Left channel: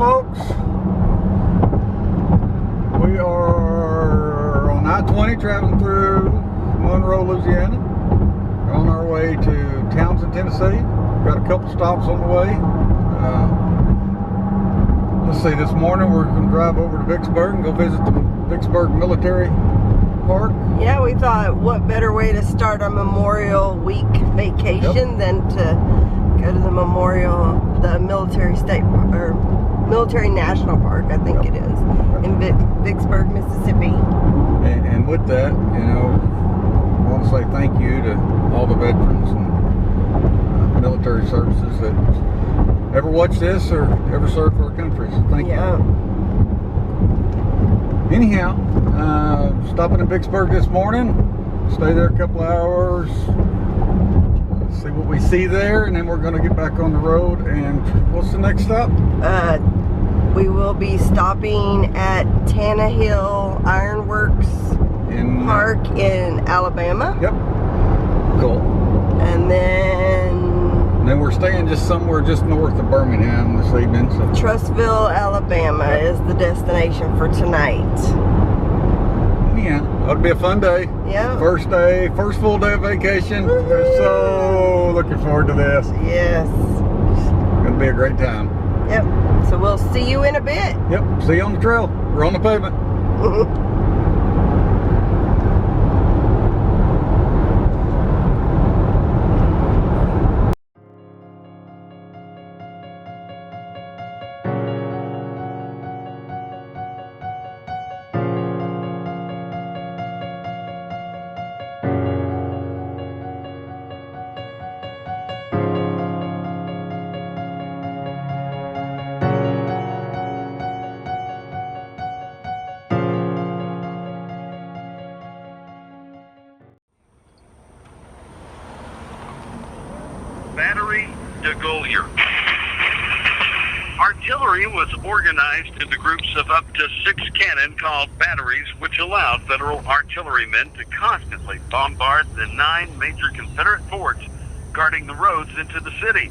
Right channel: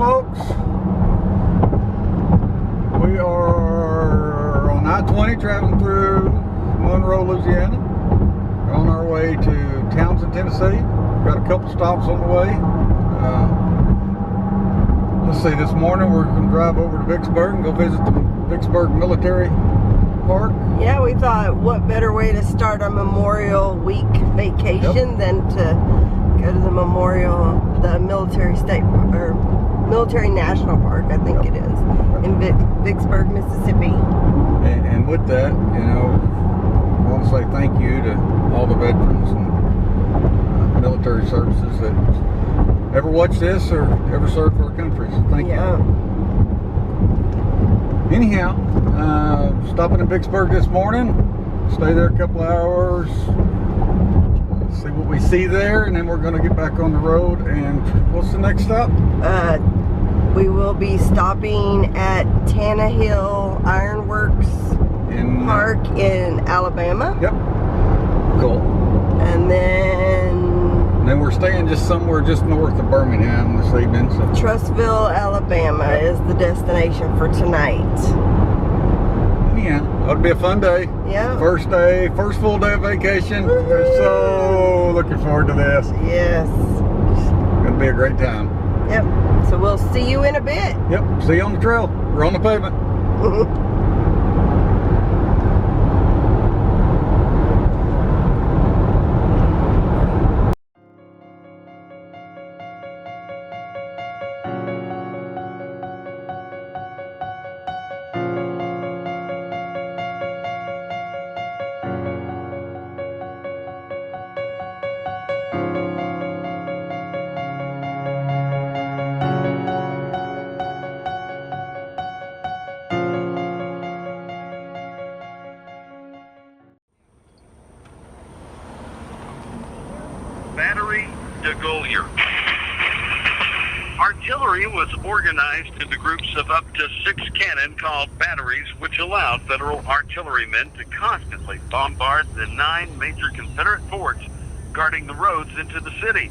folks. We are on I-20 traveling through Monroe, Louisiana. We're on our way to Townsend, Tennessee. Got a couple stops on the way. Let's see, this morning we're going to drive over to Vicksburg and go visit the Vicksburg Military Park. Yeah, we thought what better way to start a Memorial Week vacation than to go to the military state or military national park, I think it is, in Vicksburg, Mississippi. And with that, you know, I want to say thank you to all the veterans and military services that ever watch this or ever serve for our country. So thank you. Anyhow, stopping in Vicksburg this morning, stay there a couple hours, see what we see there, and then we're going to get back on the road. And what's the next stop? We will be stopping at Tannehill Ironworks Park in Alabama. Yep. Cool. And then we're staying just somewhere just north of Birmingham this evening. So Trussville, Alabama is the destination for tonight. Yeah, it'll be a fun day. Yeah. First full day of vacation. We're so looking forward to this. Yes. It's gonna be a great time. Yep. So we'll see you in a bit. Yep. See you on the trail. We're on the pavement. Battery de Gaulier. Artillery was organized into groups of up to 6 cannon called batteries, which allowed federal artillerymen to constantly bombard the 9 major Confederate forts guarding the roads into the city.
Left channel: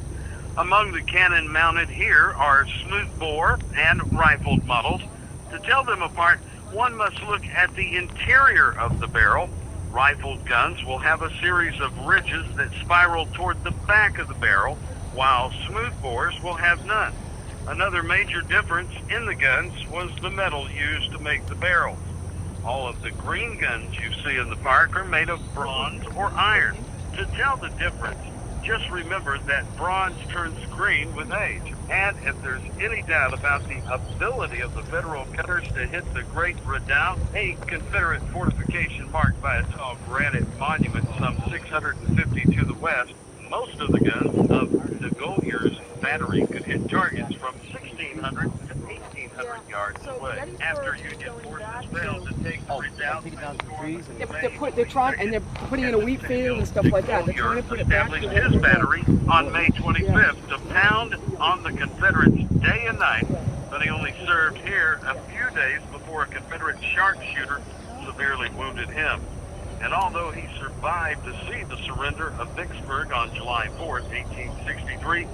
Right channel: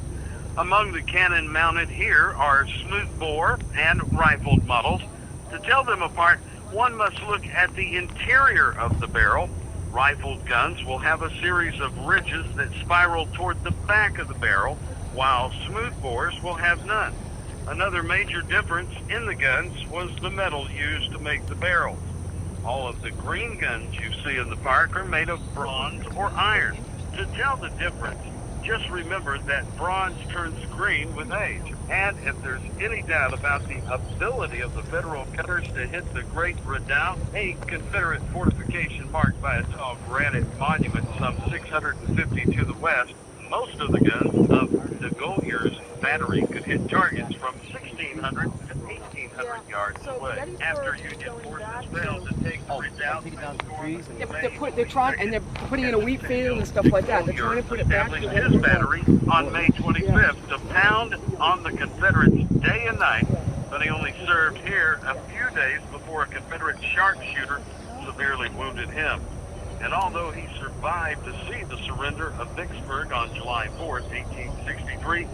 Among the cannon mounted here are smoothbore and rifled models. To tell them apart, one must look at the interior of the barrel. Rifled guns will have a series of ridges that spiral toward the back of the barrel, while smoothbores will have none. Another major difference in the guns was the metal used to make the barrels. All of the green guns you see in the park are made of bronze or iron. To tell the difference, just remember that bronze turns green with age. And if there's any doubt about the ability of the federal gunners to hit the Great Redan, a Confederate fortification marked by a tall granite monument some 650 to the west, most of the guns of de Gaulier's battery could hit targets from 1,600 to 1,800 yards away. After Union forces failed to take the Redoubt, they're putting in a wheat field and stuff like that. They're trying to put it back. Established his battery on May 25th to pound on the Confederates day and night, but he only served here a few days before a Confederate sharpshooter severely wounded him. And although he survived to see the surrender of Vicksburg on July 4th, 1863,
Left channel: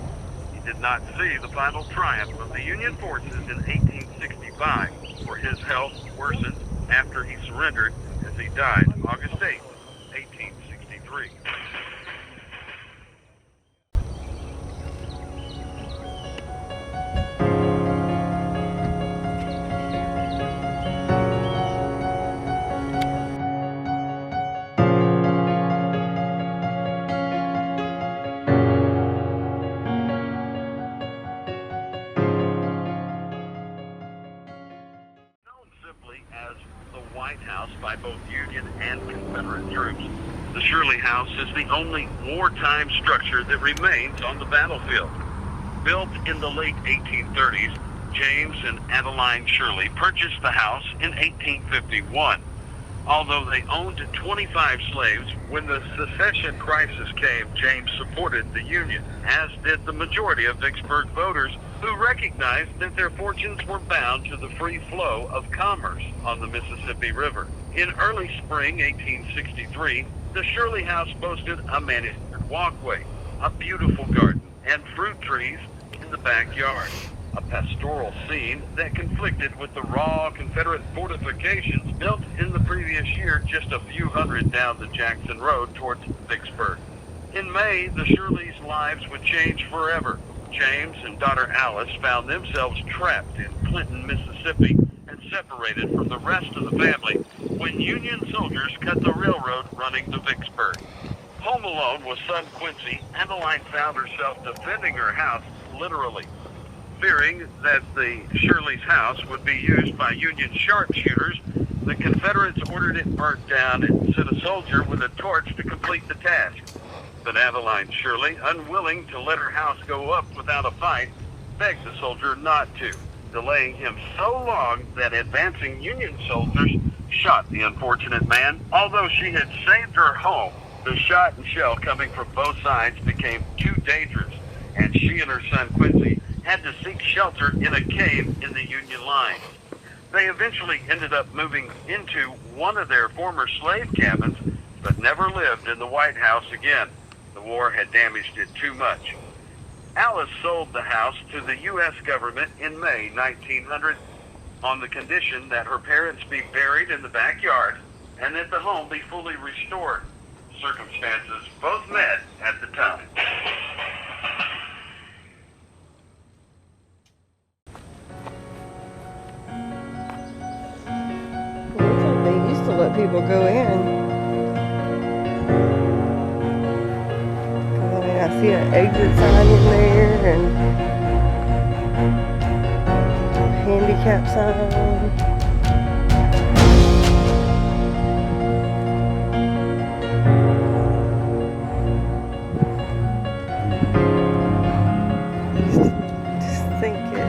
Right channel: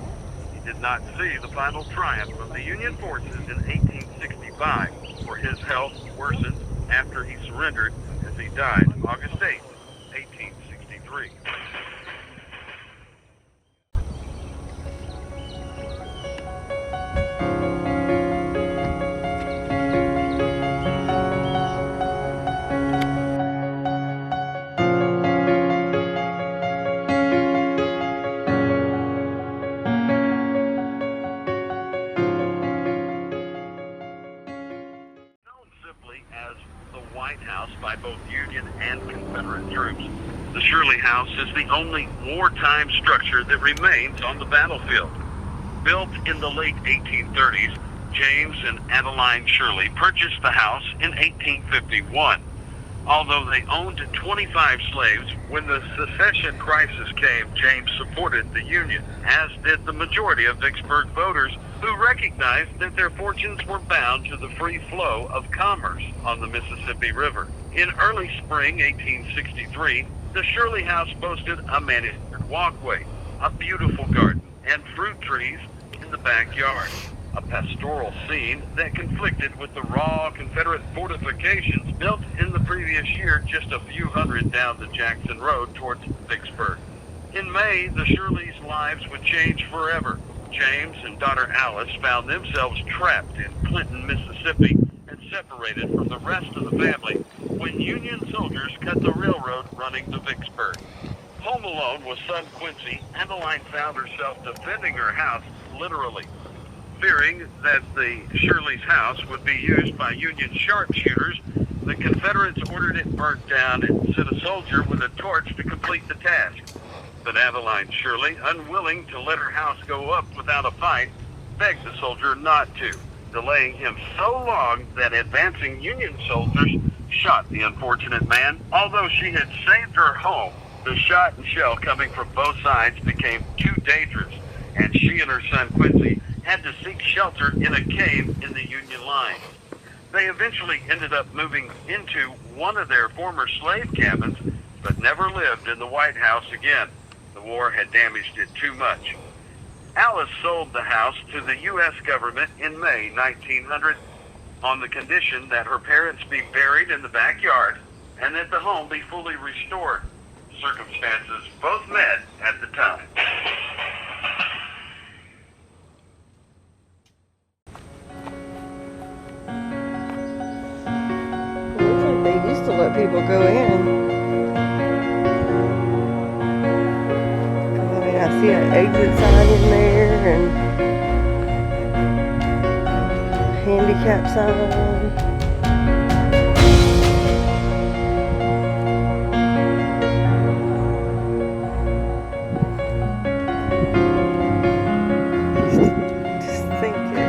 he did not see the final triumph of the Union forces in 1865, for his health worsened after he surrendered as he died August 8th, 1863. As the White House by both Union and Confederate troops. The Shirley House is the only wartime structure that remains on the battlefield. Built in the late 1830s, James and Adeline Shirley purchased the house in 1851. Although they owned 25 slaves, when the secession crisis came, James supported the Union, as did the majority of Vicksburg voters who recognized that their fortunes were bound to the free flow of commerce on the Mississippi River. In early spring 1863, the Shirley House boasted a manicured walkway, a beautiful garden, and fruit trees in the backyard. a pastoral scene that conflicted with the raw Confederate fortifications built in the previous year just a few hundred down the Jackson Road towards Vicksburg. In May, the Shirleys' lives would change forever. James and daughter Alice found themselves trapped in Clinton, Mississippi, and separated from the rest of the family when Union soldiers cut the railroad running to Vicksburg. Home alone with son Quincy, Adeline found herself defending her house literally. Fearing that the Shirley's house would be used by Union sharpshooters, the Confederates ordered it burnt down and sent a soldier with a torch to complete the task. But Adeline Shirley, unwilling to let her house go up without a fight, begged the soldier not to, delaying him so long that advancing Union soldiers shot the unfortunate man. Although she had saved her home, the shot and shell coming from both sides became too dangerous, and she and her son Quincy had to seek shelter in a cave in the Union lines. They eventually ended up moving into one of their former slave cabins, but never lived in the White House again. The war had damaged it too much. Alice sold the house to the U.S. government in May 1900 on the condition that her parents be buried in the backyard and that the home be fully restored. Circumstances both met at the time. Looks like they used to let people go in. I see an exit sign in there and handicap sign. Just think it.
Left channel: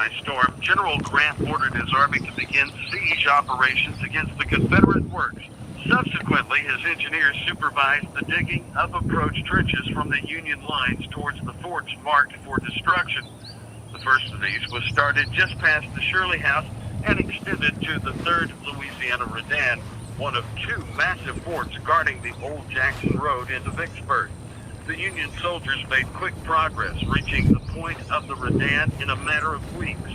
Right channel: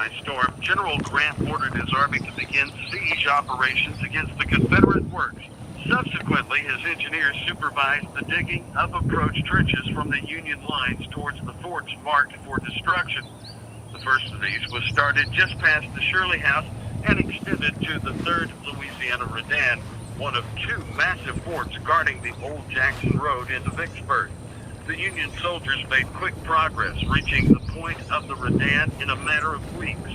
by storm, General Grant ordered his army to begin siege operations against the Confederate works. Subsequently, his engineers supervised the digging of approach trenches from the Union lines towards the forts marked for destruction. The first of these was started just past the Shirley House and extended to the 3rd Louisiana Redan, one of 2 massive forts guarding the old Jackson Road into Vicksburg. The Union soldiers made quick progress, reaching the point of the Redan in a matter of weeks.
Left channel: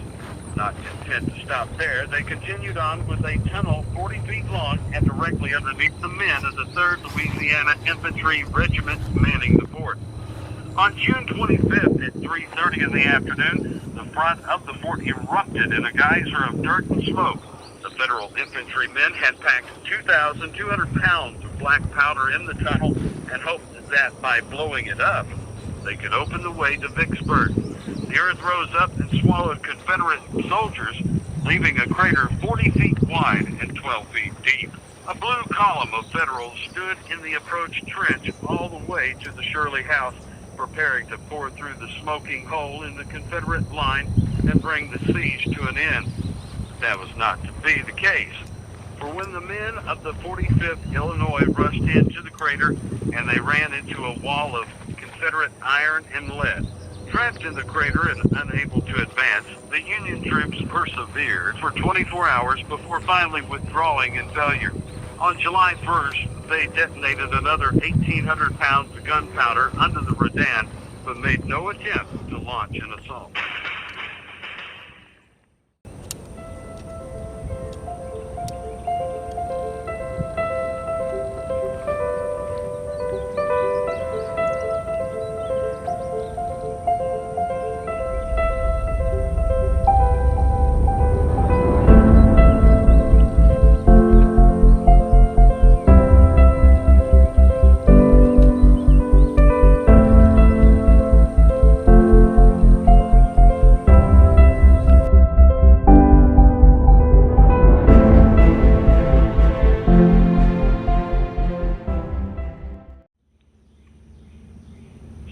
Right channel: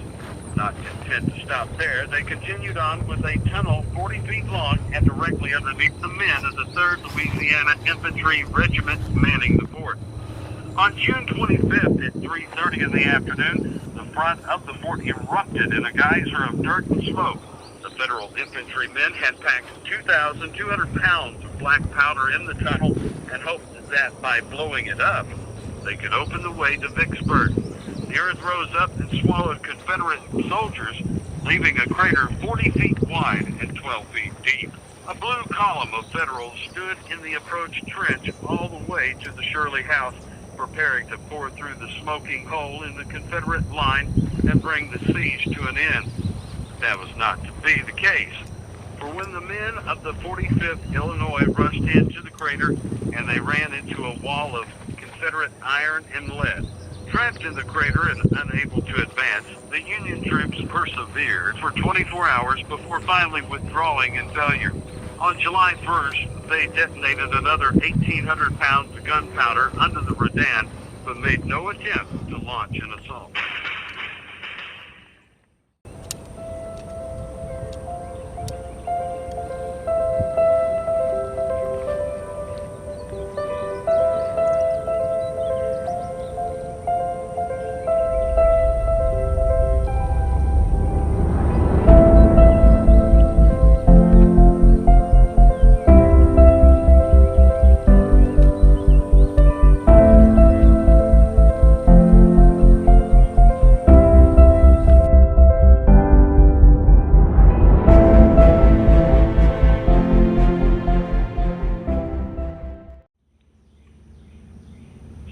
Not content to stop there, they continued on with a tunnel 40 feet long and directly underneath the men of the 3rd Louisiana Infantry Regiment manning the fort. On June 25th at 3:30 in the afternoon, the front of the fort erupted in a geyser of dirt and smoke. The Federal infantrymen had packed 2,200 pounds of black powder in the tunnel and hoped that by blowing it up, they could open the way to Vicksburg. The earth rose up and swallowed Confederate soldiers, leaving a crater 40 feet wide and 12 feet deep. A blue column of Federals stood in the approach trench all the way to the Shirley House, preparing to pour through the smoking hole in the Confederate line and bring the siege to an end. That was not to be the case, for when the men of the 45th Illinois rushed into the crater and they ran into a wall of Confederate iron and lead, trapped in the crater and unable to advance, the Union troops persevered for 24 hours before finally withdrawing in failure. On July 1st, they detonated another 1,800 pounds of gunpowder under the Redan, but made no attempt to launch an assault.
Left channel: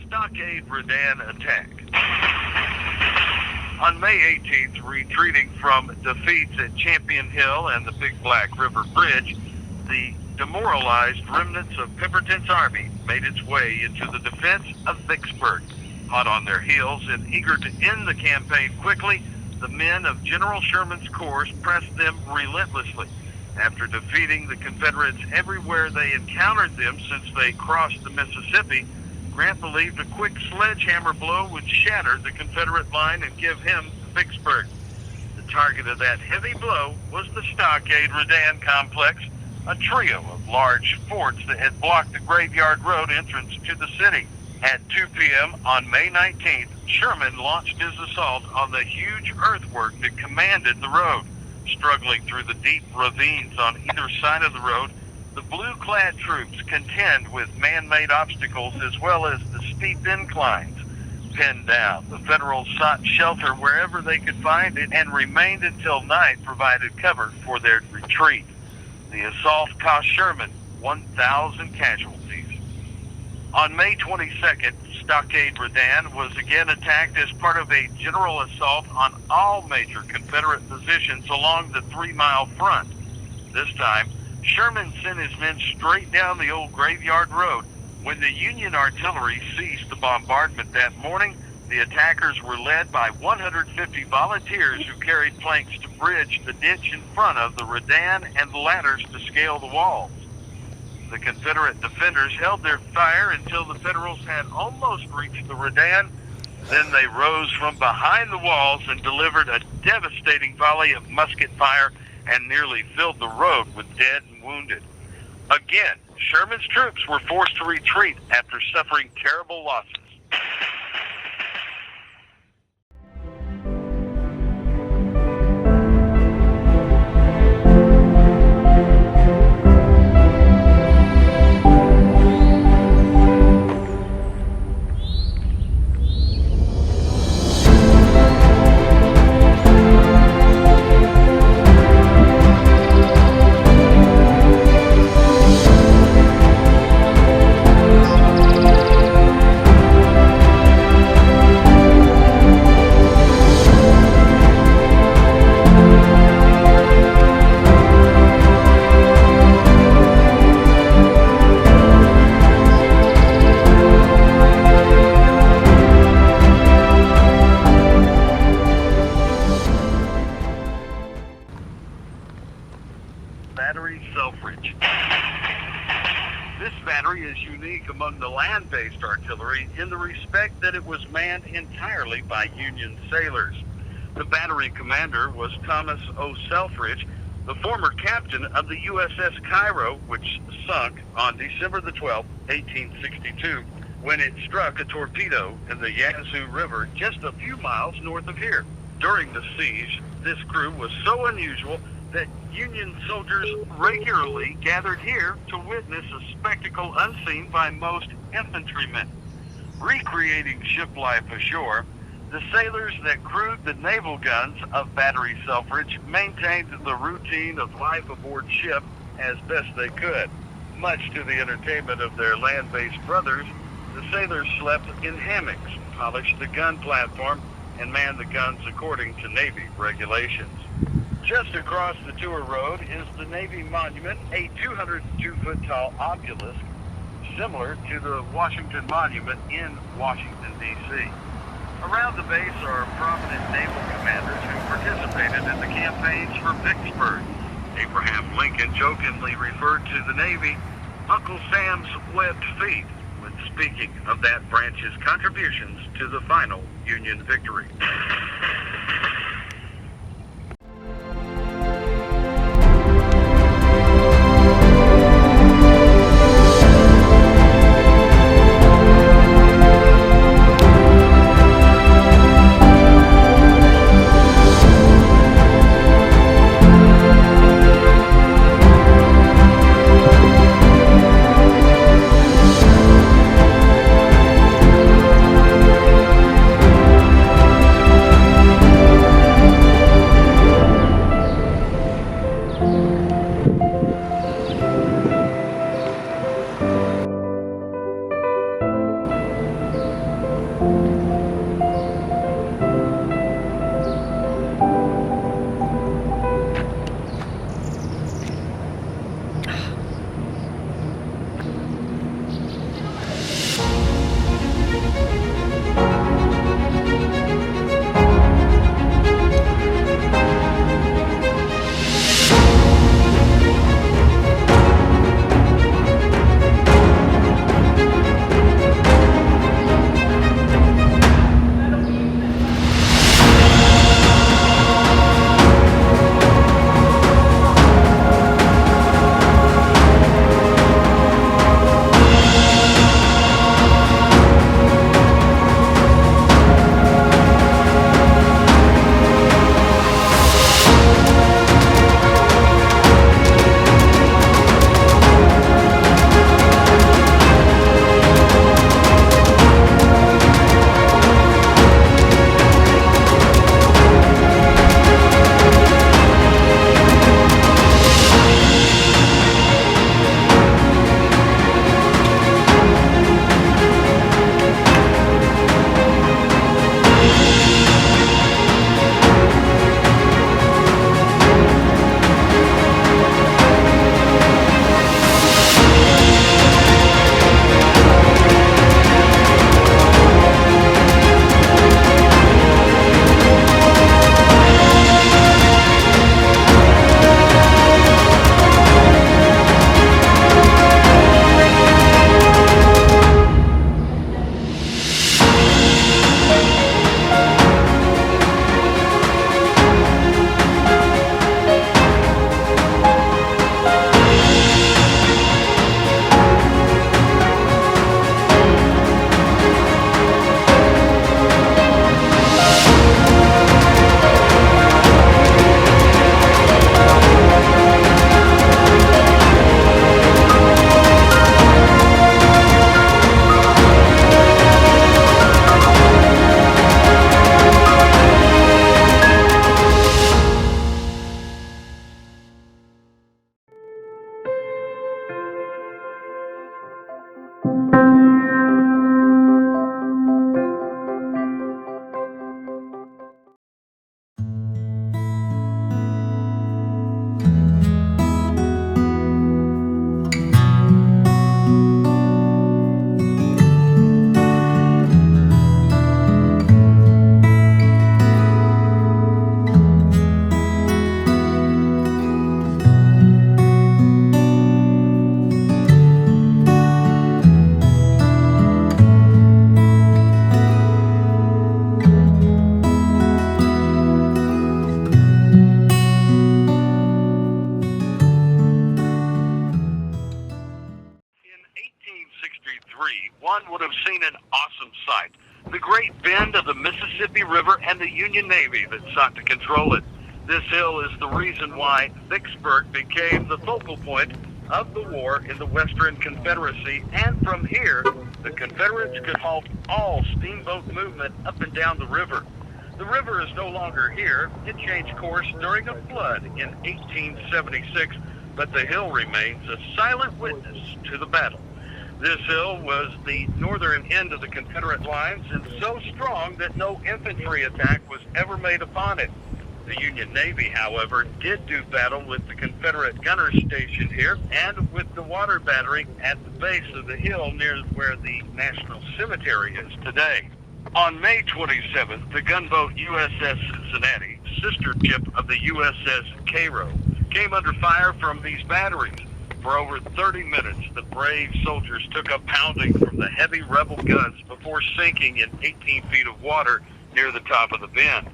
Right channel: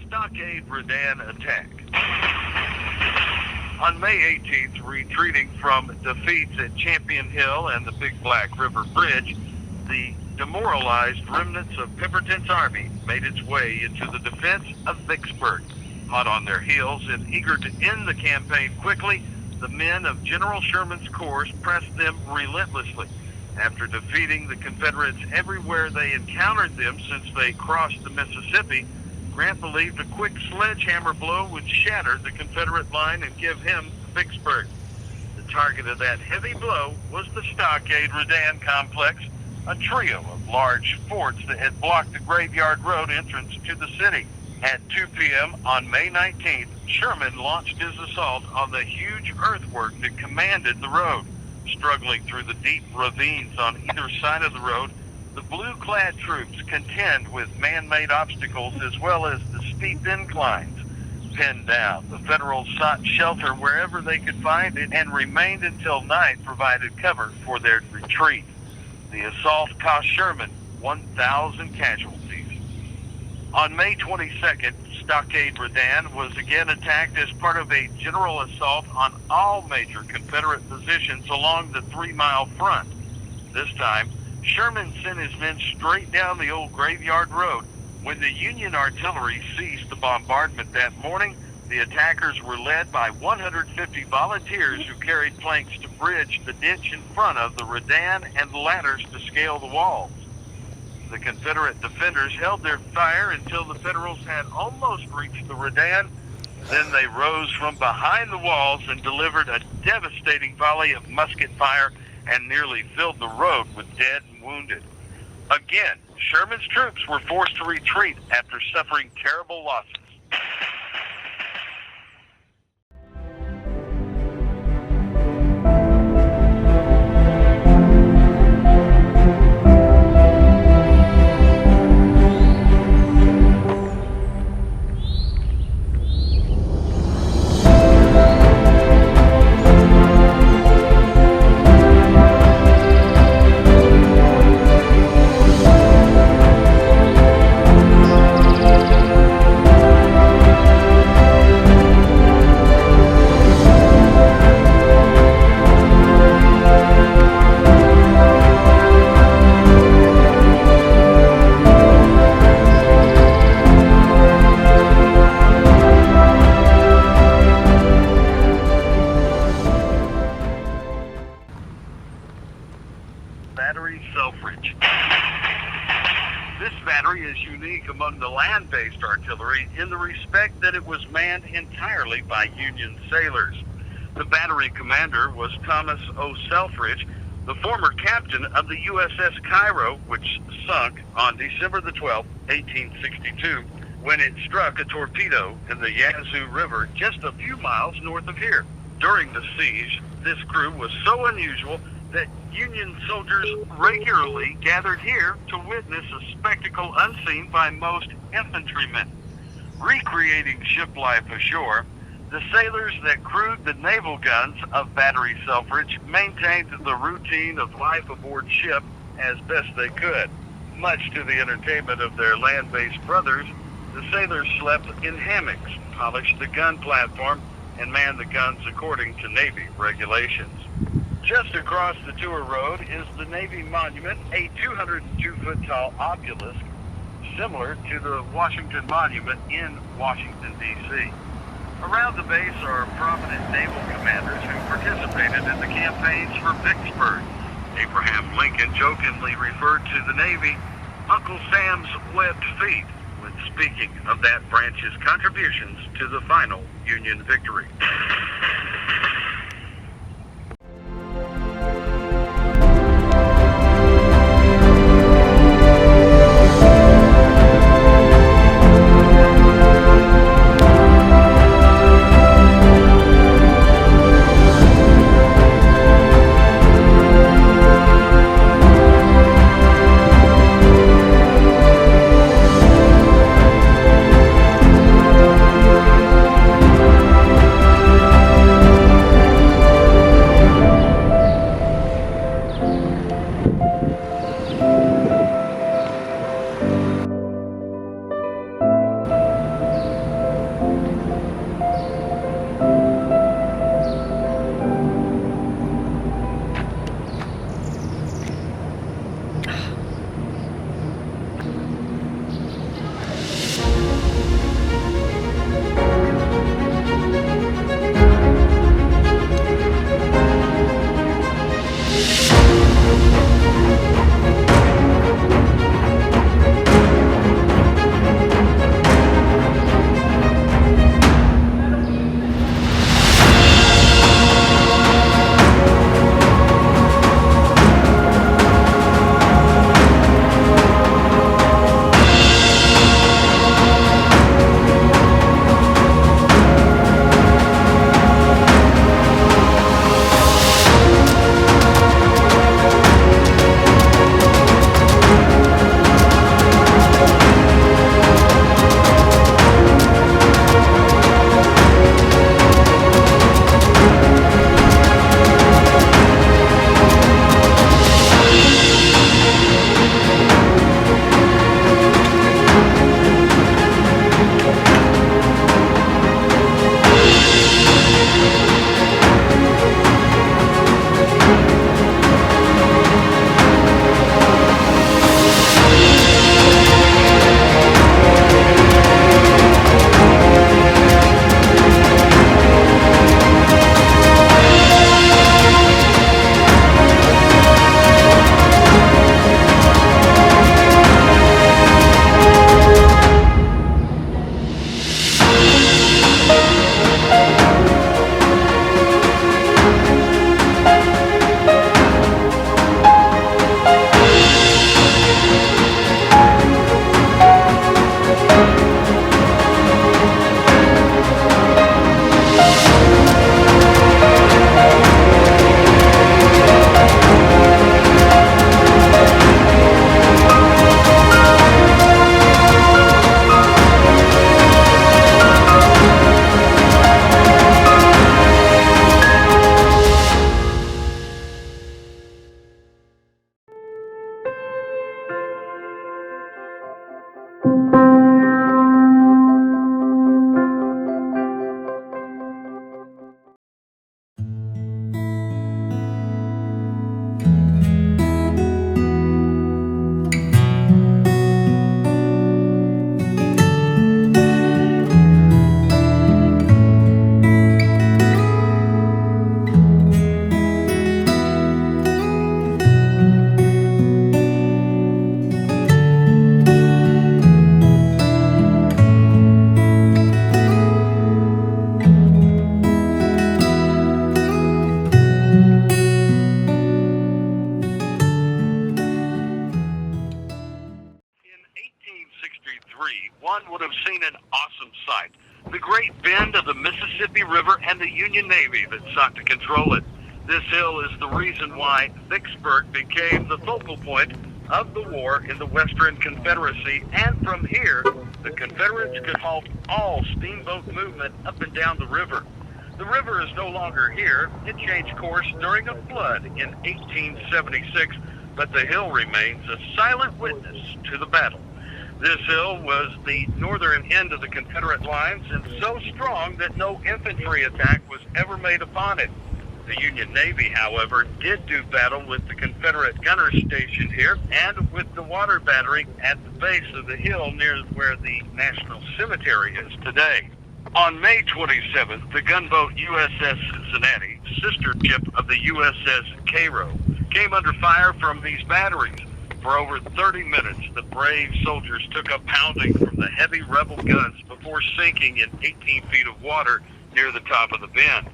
Stockade Redan attack. On May 18th, retreating from defeats at Champion Hill and the Big Black River Bridge, the demoralized remnants of Pemberton's army made its way into the defense of Vicksburg. Hot on their heels and eager to end the campaign quickly, the men of General Sherman's corps pressed them relentlessly. After defeating the Confederates everywhere they encountered them since they crossed the Mississippi, Grant believed a quick sledgehammer blow would shatter the Confederate line and give him Vicksburg. The target of that heavy blow was the Stockade Redan complex, a trio of large forts that had blocked the Graveyard Road entrance to the city. At 2 p.m. on May 19th, Sherman launched his assault on the huge earthwork that commanded the road. Struggling through the deep ravines on either side of the road, the blue-clad troops contend with man-made obstacles as well as the steep inclines. Pinned down, the Federals sought shelter wherever they could find it and remained until night provided cover for their retreat. The assault cost Sherman 1,000 casualties. On May 22nd, Stockade Redan was again attacked as part of a general assault on all major Confederate positions along the 3-mile front. This time, Sherman sent his men straight down the old Graveyard Road. When the Union artillery ceased the bombardment that morning, the attackers were led by 150 volunteers who carried planks to bridge the ditch in front of the Redan and ladders to scale the walls. The Confederate defenders held their fire until the Federals had almost reached the Redan. Then they rose from behind the walls and delivered a devastating volley of musket fire and nearly filled the road with dead and wounded. Again, Sherman's troops were forced to retreat after suffering terrible losses. from the land-based artillery in the respect that it was manned entirely by Union sailors. The battery commander was Thomas O. Selfridge, the former captain of the USS Cairo, which sunk on December the 12th, 1862, when it struck a torpedo in the Yazoo River just a few miles north of here. During the siege, this crew was so unusual that Union soldiers regularly gathered here to witness a spectacle unseen by most infantrymen. Recreating ship life ashore, the sailors that crewed the naval guns of Battery Selfridge maintained the routine of life aboard ship as best they could. Much to the entertainment of their land-based brothers, the sailors slept in hammocks, polished the gun platform, and manned the guns according to Navy regulations. Just across the tour road is the Navy Monument, a 202-foot tall obelisk, similar to the Washington Monument in Washington, D.C. Around the base are prominent naval commanders who participated in the campaigns for Vicksburg. Abraham Lincoln jokingly referred to the Navy Uncle Sam's webbed feet when speaking of that branch's contributions to the final Union victory. seen an awesome sight. The great bend of the Mississippi River and the Union Navy that sought to control it. This hill is the reason why Vicksburg became the focal point of the war in the Western Confederacy, and from here, the Confederates could halt all steamboat movement up and down the river. The river is no longer here. It changed course during a flood in 1876, but the hill remains a silent witness to the battle. This hill was the northern end of the Confederate lines and so strong that no infantry attack was ever made upon it. The Union Navy, however, did do battle with the Confederate gunners stationed here and with the water battery at the base of the hill near where the National Cemetery is today. On May 27th, the gunboat USS Cincinnati, sister ship of the USS Cairo, came under fire from these batteries. For over 30 minutes, the brave soldiers took a pounding from the heavy rebel guns before sinking in 18 feet of water near the top of the bend.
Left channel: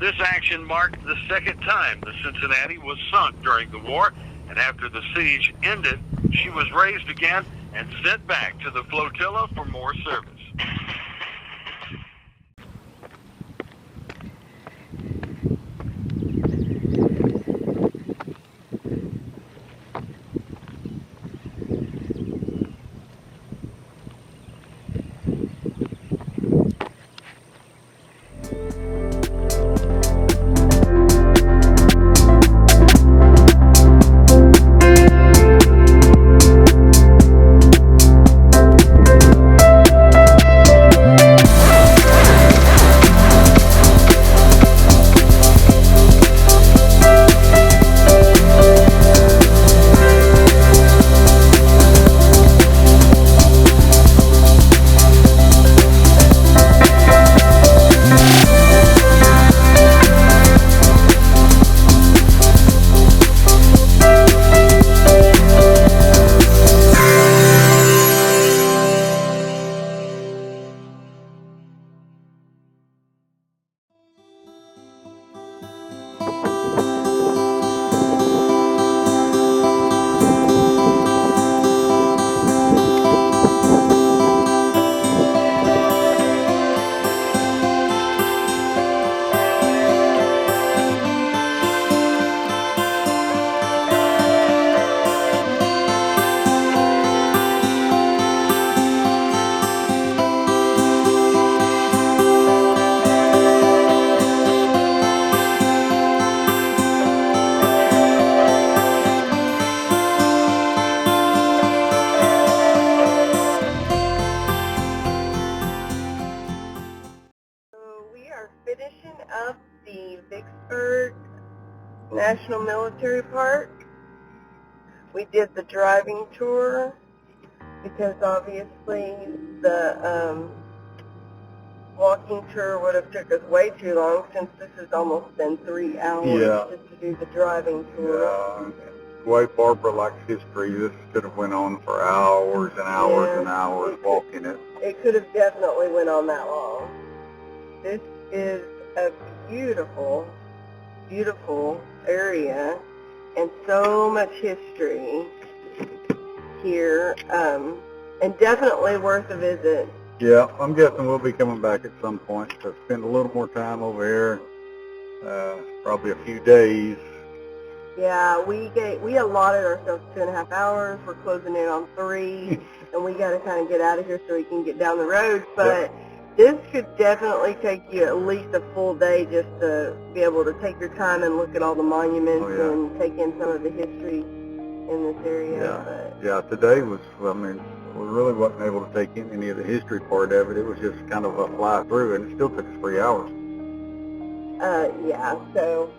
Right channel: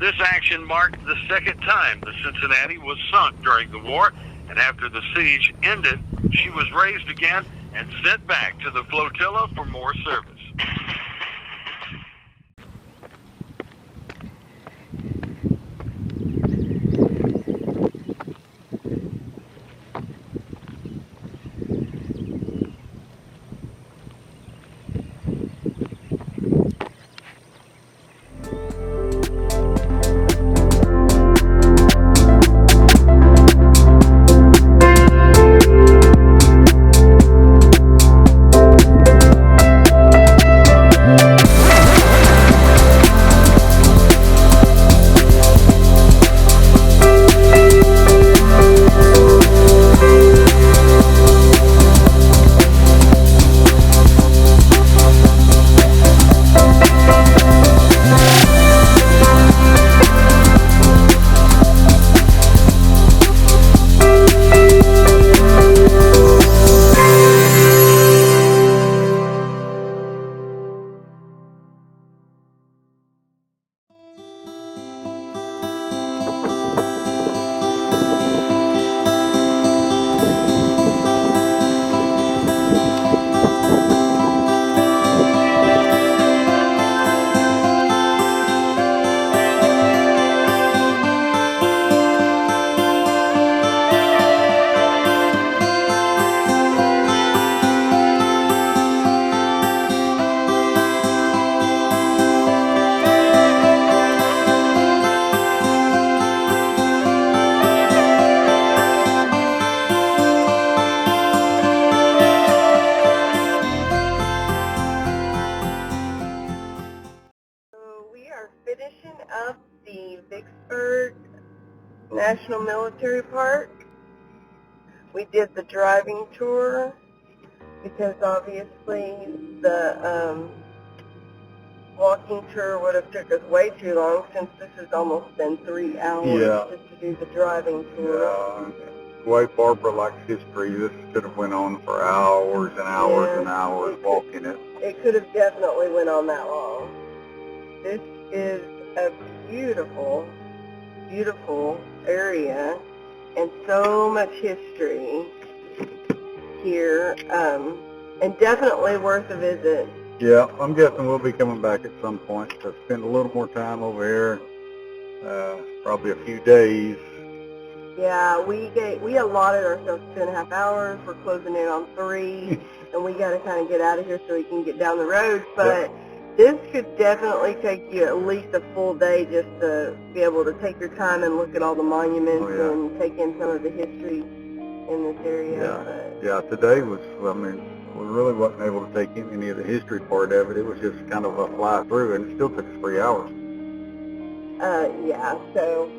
This action marked the second time the Cincinnati was sunk during the war, and after the siege ended, she was raised again and sent back to the flotilla for more service. Finishing up the Vicksburg National Military Park. We did the driving tour because obviously the walking tour would have took us way too long since this has almost been 3 hours just to do the driving tour. Yeah. The way Barbara likes history, this could have went on for hours and hours and hours walking it. It could have definitely went on that long. This is a beautiful, beautiful area and so much history here, and definitely worth a visit. Yeah, I'm guessing we'll be coming back at some point to spend a little more time over here, probably a few days. Yeah, we allotted ourselves 2.5 hours. We're closing in on 3, and we got to kind of get out of here so we can get down the road. But this could definitely take you at least a full day just to be able to take your time and look at all the monuments and take in some of the history in this area. Yeah, today was, I mean, we really wasn't able to take in any of the history part of it. It was just kind of a fly through, and it still took us 3 hours. Yeah, so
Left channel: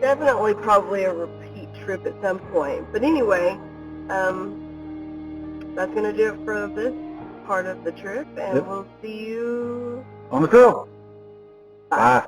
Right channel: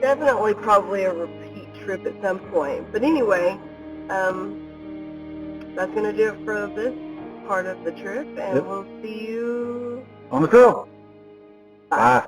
definitely probably a repeat trip at some point. But anyway, that's going to do it for this part of the trip, and we'll see you on the trail. Bye.